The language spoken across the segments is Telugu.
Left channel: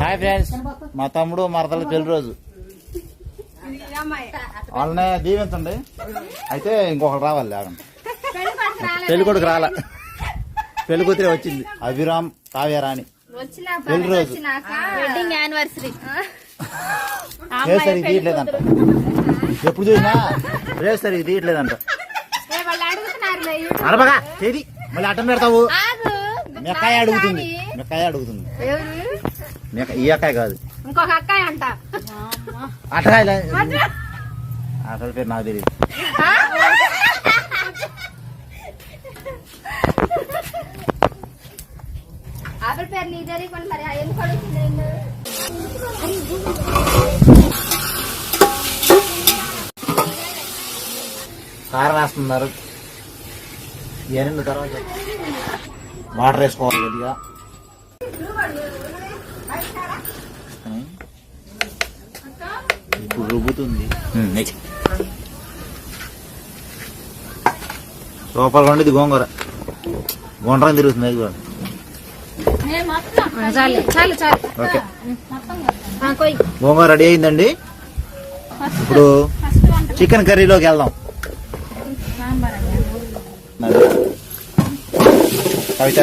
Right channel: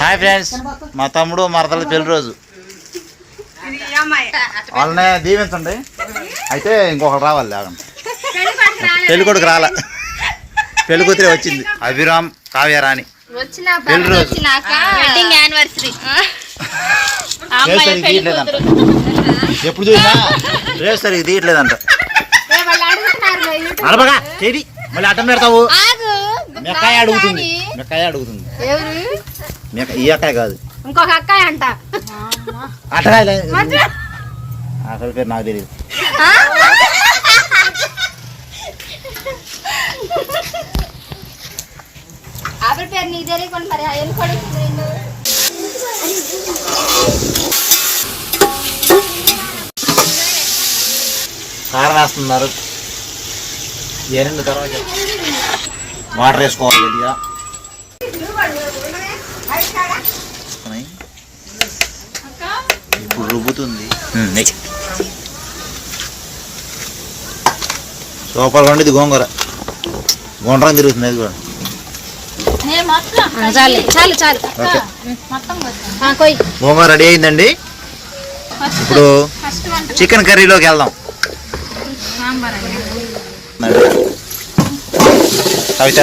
Hi friends. మా తమ్ముడు మరదల పెళ్ళి రోజు. వాళ్ళనే దీవించండి. అయితే ఇంకొకరు రావాలి లేకండి పెళ్ళి కొడుకు రాలే. పెళ్ళి కూతురే వచ్చింది. అభిరామ్ కావ్యరాణి. వచ్చిన పెళ్ళి రోజు. వెడ్డింగ్ యానివర్సరీ రేపు సరిగ్గా తీయట్లేదంట. ఎప్పుడు చూసినా రేపు సరిగ్గా తీయట్లేదంట. అడబగా చేడి మళ్ళీ అడ్డం పెడతావు. ఆగు. మెక్కాయ అడుగుతుంది. మెక్కాయ అడుగుతుంది. ఎవరు? మెక్క ఈ అక్కాయ కాదు. ఇంకొక అక్కాయ అంట. అట్టకాయలే అసలు పేరు నాకు తెలియదు ఆవిడ పేరు నీకు తెలియకుండా మరి కారం వేస్తున్నారు. ఎనిమిది తర్వాత? వాటర్ వేసుకోవాలి గట్టిగా. ఇప్పుడు రుబ్బుతుంది. సూపర్గా ఉండేది గోంగూర. గుండ్రం తిరుగుతుంది అది కూడా. చాలు చాలు చాలు. ఓకే. ఆ, కొయ్. గోంగూర రెడీ అయిందండి. ఇప్పుడు చికెన్ కర్రీలోకి వెళ్దాం. కవిత?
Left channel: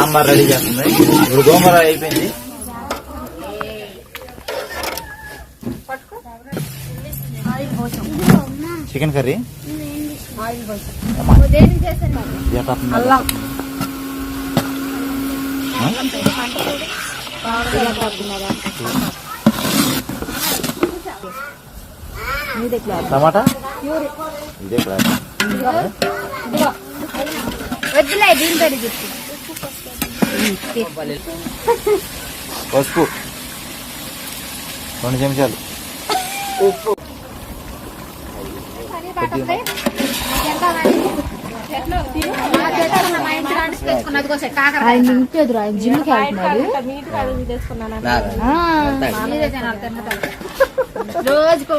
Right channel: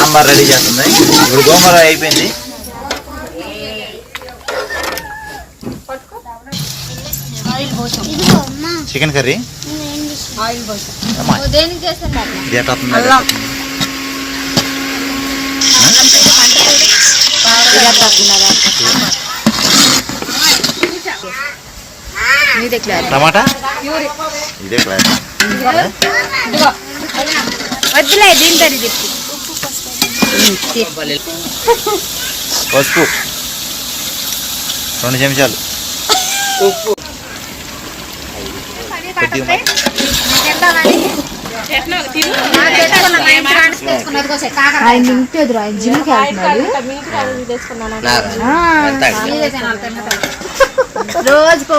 సాంబార్ రెడీ చేస్తుంది. ఇప్పుడు గోంగూర అయిపోయింది. Chicken curry? టమాటా? ఇదే క్లాస్. వద్దులే దీని పేరు చెప్పి. పసుపు. రెండు చెంచాలు. ఆయన ఆయన జిమ్కి రోజుకు.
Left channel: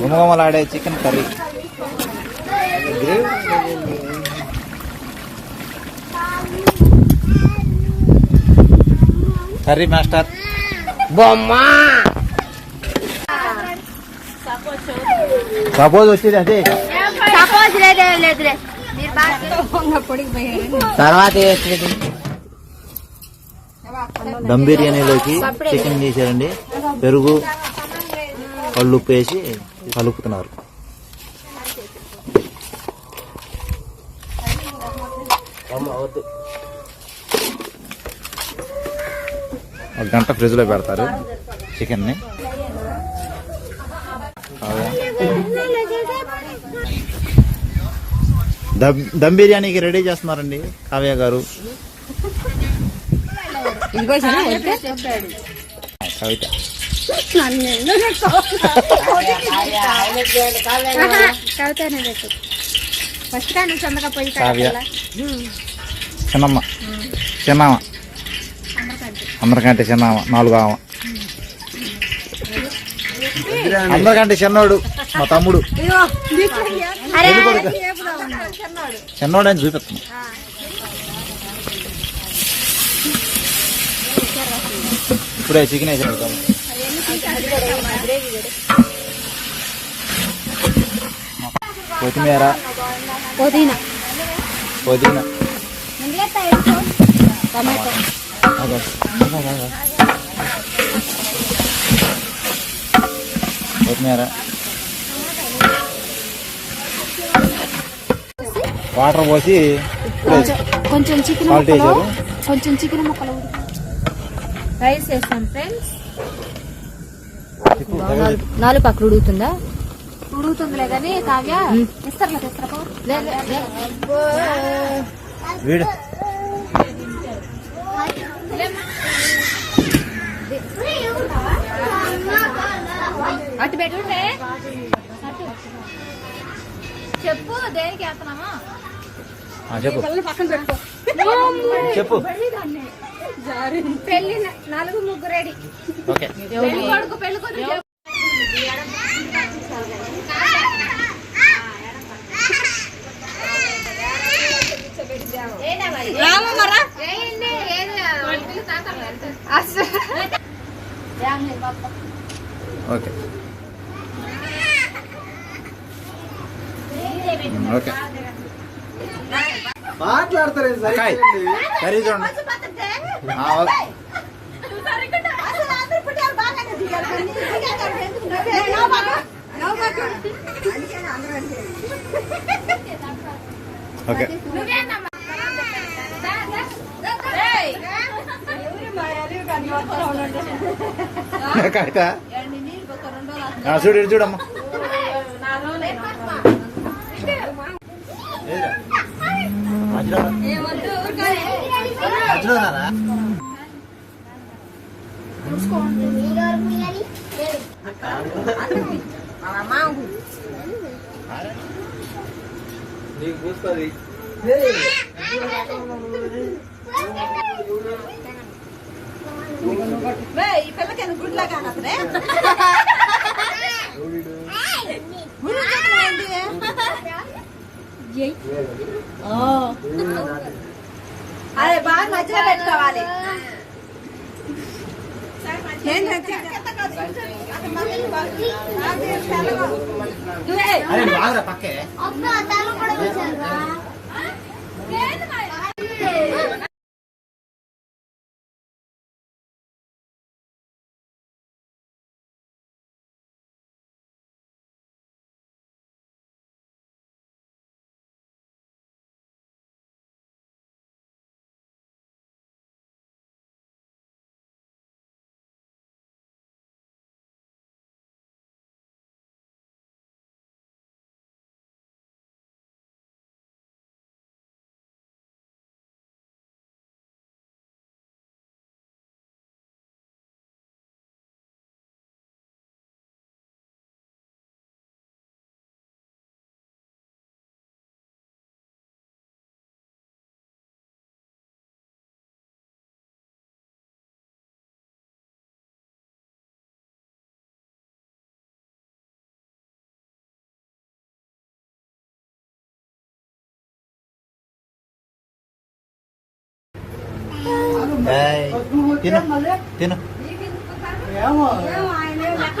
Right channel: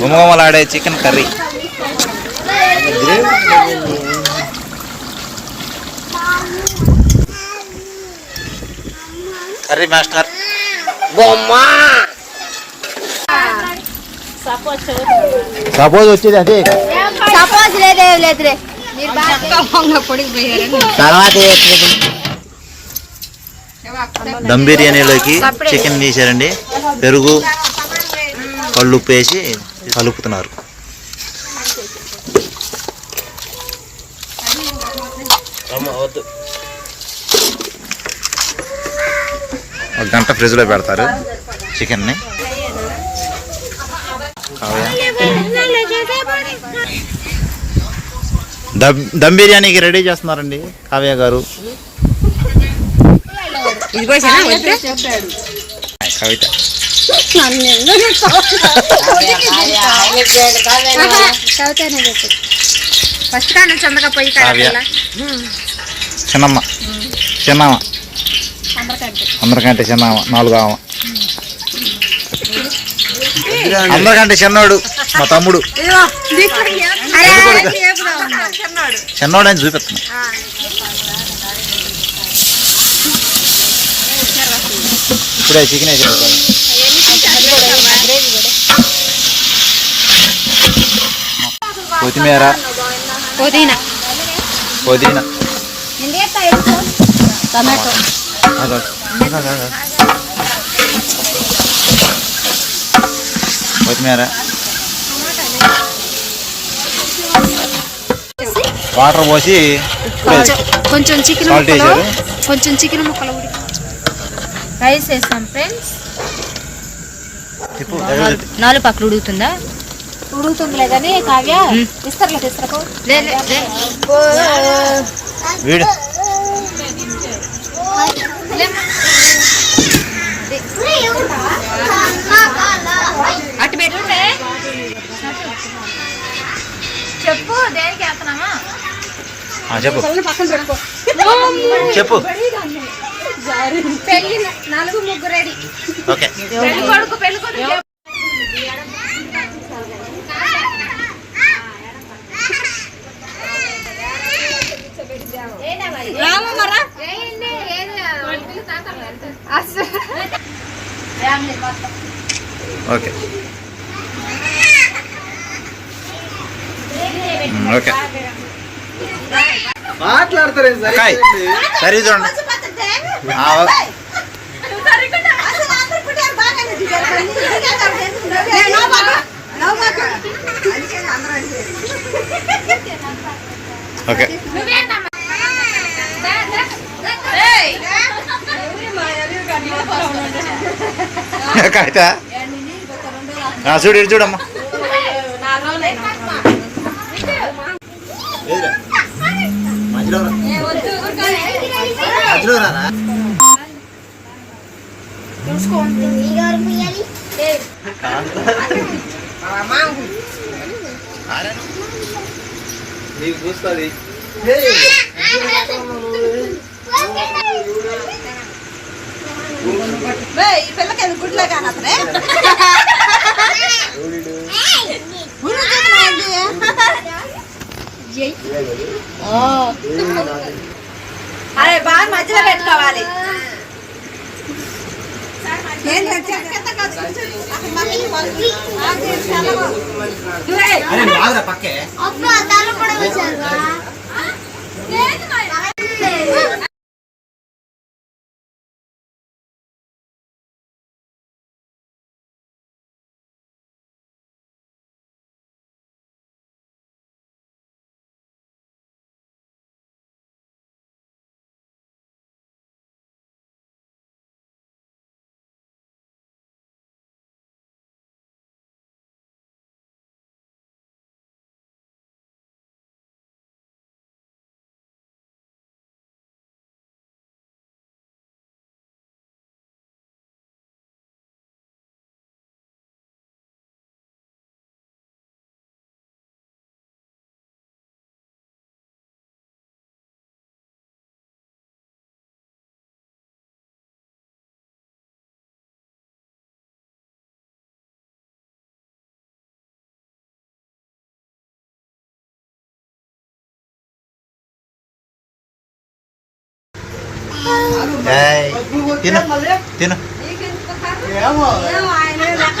గుమగుమలాడే chicken curry. Curry master. Suppose వచ్చేది అదే. సపోజ్ లేదే లేదులే తర్వాత. దమ్ బిర్యానీలోకి చికెన్ తీసారండి పెరుగు కళ్ళుప్పు వేసి కలుపుతున్నారు. ఒక గంట ఫ్రిడ్జ్లో పెడతారు చికెన్ని. కావ్య. దమ్ దమ్ బిర్యానీకి రెడీ చేస్తున్నారండి కావ్య గారు. కవిత. కవితనే చెప్పు. ఫస్ట్ కానీ చందగా పోయి కావ్య. చిన్నమ్మ. చిన్నమ్మ అందరికంటే చిన్నమ్మ నాలుగు ఆమె అందరికంటే చిన్నోడు మా తమ్ముడు. చిన్నోడు అని చూపిస్తున్నా ఇప్పుడే చికెన్ వేసి కొత్తిమీర. పుదీనా. పుదీనా. టమాటో. కొత్తిమీర వాటర్ పోసి కొంచెం కొంచెం చికెన్ ముక్కలు? కొంచెం చికెన్ ముక్కలు ఉడికి రైస్ వేస్తాం ఫ్రెండ్స్. నాలుగు పక్కలు ఉడుకుతుందా ఉడుకుతుందిలే కానీ కావ్య ఇస్తారు చెప్పు దేనికి వేస్తున్నామా ఆ, చెప్పు. చెప్పు. పెళ్ళి నలుగు ముగ్గు రెడీ. ఓకే. పెళ్ళి కొడుకు పెళ్ళి కొడుకు రామమ్మరా ఓకే. ఓకే. మాట్లాడతారు? సరే చూడండి. ఓకే. కాగితా చూడు చూడమ్మా. మధ్యలో రారా ఆరేను. నీకు చూస్తుంది ఈ పిల్లకి గుడ్లా కానసరే అరే బాగా మధ్యలో పెట్టుకోవాలి. ఏంటంటే తిను తిను. ఏమో ఏమో ఆయన లెక్క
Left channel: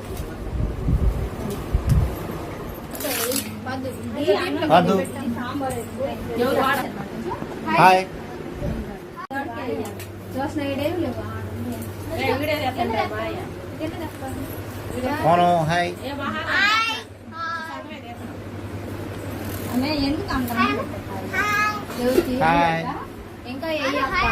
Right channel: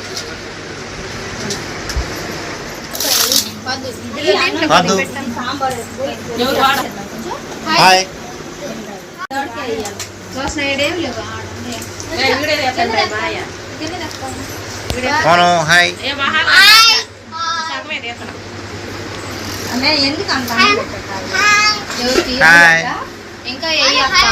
వద్దు హాయ్ మోను హాయ్ ఎందుకు అంత హాయ్ ఇంకా ఏ అక్క